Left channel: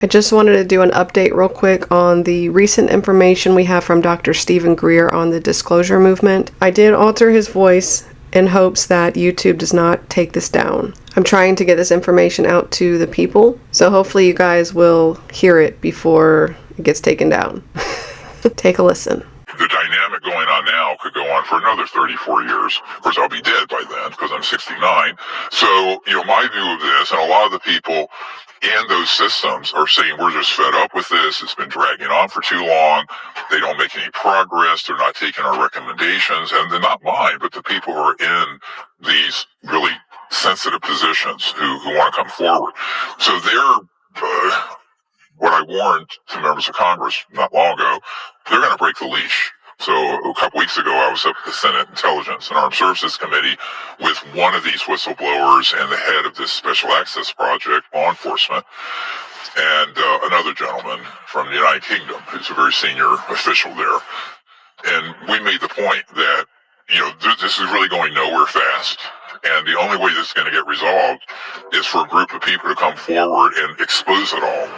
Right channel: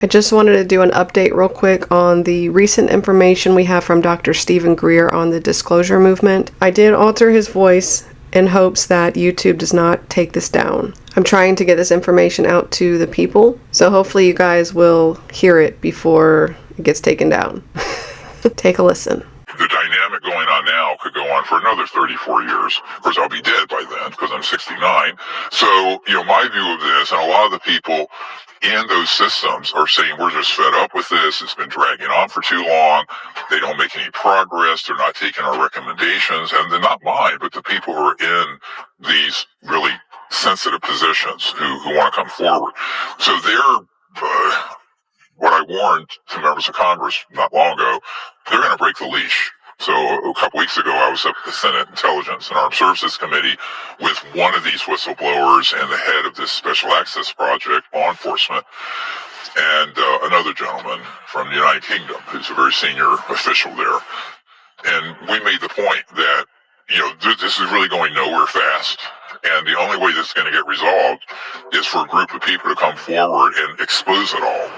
I just wanted to do an update real quick on the recent information we have from Dr. Stephen Greer on the disclosure movement. I did alter his voice in hopes that YouTube does not take this down. I'm trying to get this information out to the people, so hopefully you guys will hear it before it gets taken down. Take a listen. The dynamic going on now could go on for another 34 years. Of course, I'll be dead by then because I'm 69. So, my view of this, and a lot of the people in those systems are saying we're just fed up with this. It's been dragging on for too long. They don't make any progress. They're not taking our recommendations. And they're not mine, but the people who are in these really sensitive positions who want to come forward. So what I warned to members of Congress not long ago, they're going to break the leash. So a couple weeks ago, I was up at the Senate Intelligence and Armed Services Committee with one of these whistleblowers and the head of this Special Access Project, law enforcement, and another gentleman from the United Kingdom who's a very senior official there. And we made the point that, this is really going nowhere fast. And the only way this is going to get resolved is for a group of people to come forward and expose it all.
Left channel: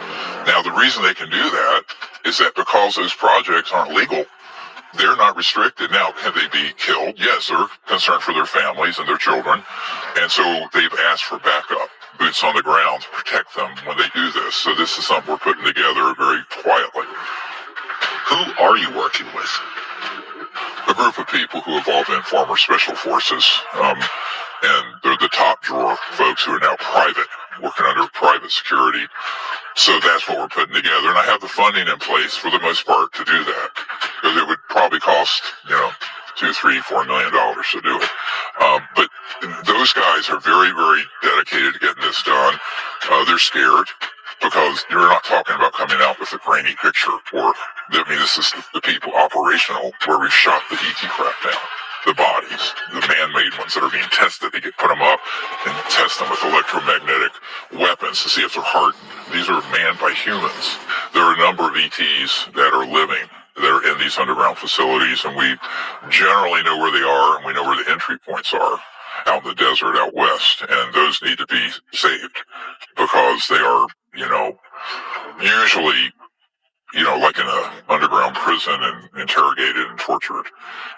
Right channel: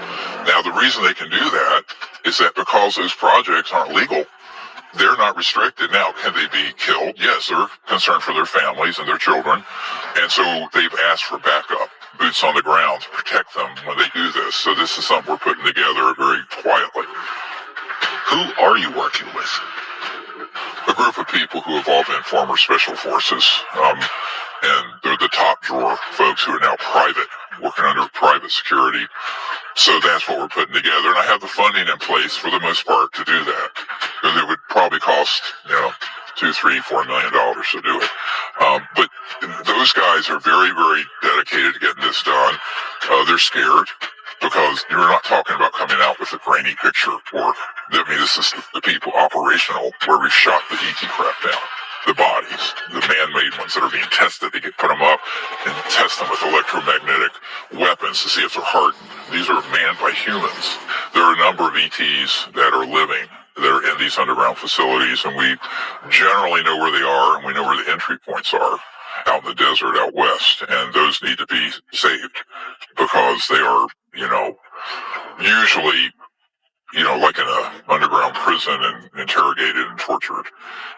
Now, the reason they can do that is that because those projects aren't legal, they're not restricted. Now, can they be killed? Yes, they're concerned for their families and their children. And so they've asked for backup, boots on the ground to protect them when they do this. So this is something we're putting together very quietly. Who are you working with? A group of people who have all been former special forces, and they're the top drawer folks who are now private, working under private security. So that's what we're putting together, and I have the funding in place for the most part to do that. Because it would probably cost, $2, $3, $4 million to do it. But those guys are very, very dedicated to getting this done. They're scared because they're not talking about coming out with a grainy picture, this is the people operational where we've shot the DT craft down. The bodies, the man-made ones that are being tested, put them up and test them with electromagnetic weapons to see if they're hardened. These are manned by humans. There are a number of ETs that are living, that are in these underground facilities, and we generally know where they are, and we know where the entry points are out in the desert out west, and those need to be saved because they are, usually like in an underground prison and interrogated and tortured.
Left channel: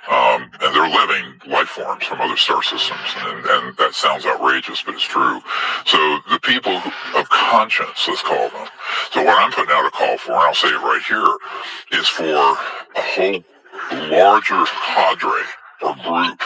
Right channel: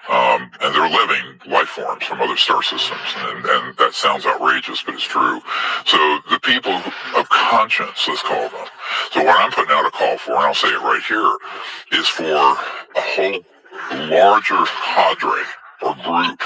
And they're living life forms from other star systems. And that sounds outrageous, but it's true. So the people of conscience, let's call them. So what I'm putting out a call for, and I'll say it right here, is for a whole larger cadre or group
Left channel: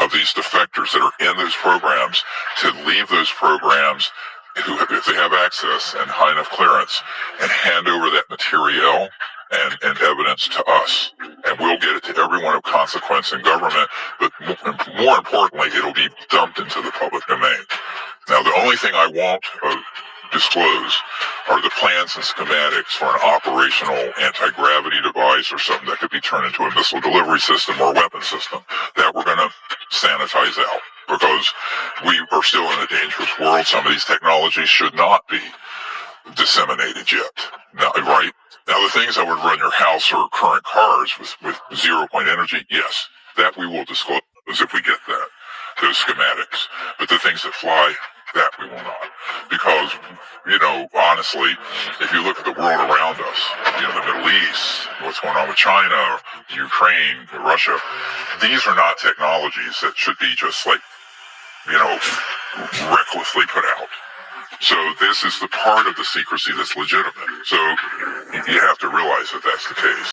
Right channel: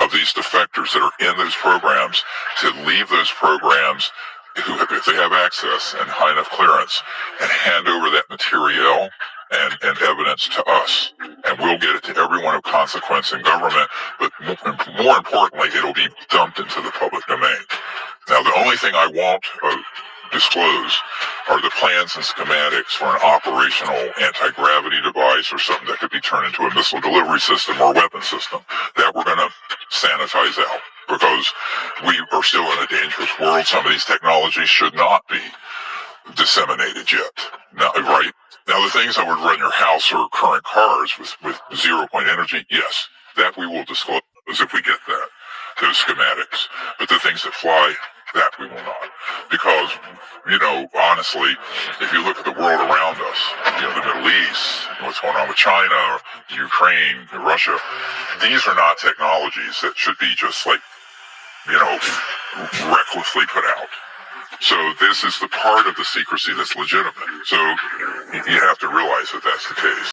of these defectors that are in those programs to leave those programs if they have access and high enough clearance, and hand over that material and evidence to us. And we'll get it to everyone of consequence in government, but more importantly, it'll be dumped into the public domain. Now, the only thing I won't disclose are the plans and schematics for an operational anti-gravity device or something that could be turned into a missile delivery system or weapon system that we're going to sanitize out. Because we are still in a dangerous world. Some of these technologies should not be disseminated yet. Now, right? Now, the things that would run your house or current cars with 0-point energy, yes, that we will disclose if we get that, those schematics. But the things that fly, that we will not. Because, honestly, if you look at the world around us, the Middle East, what's going on with China, Ukraine, Russia, these are not technologies that should be just recklessly put out. So this is the part of the secrecy that's legitimate. So you have to realize that that's the case.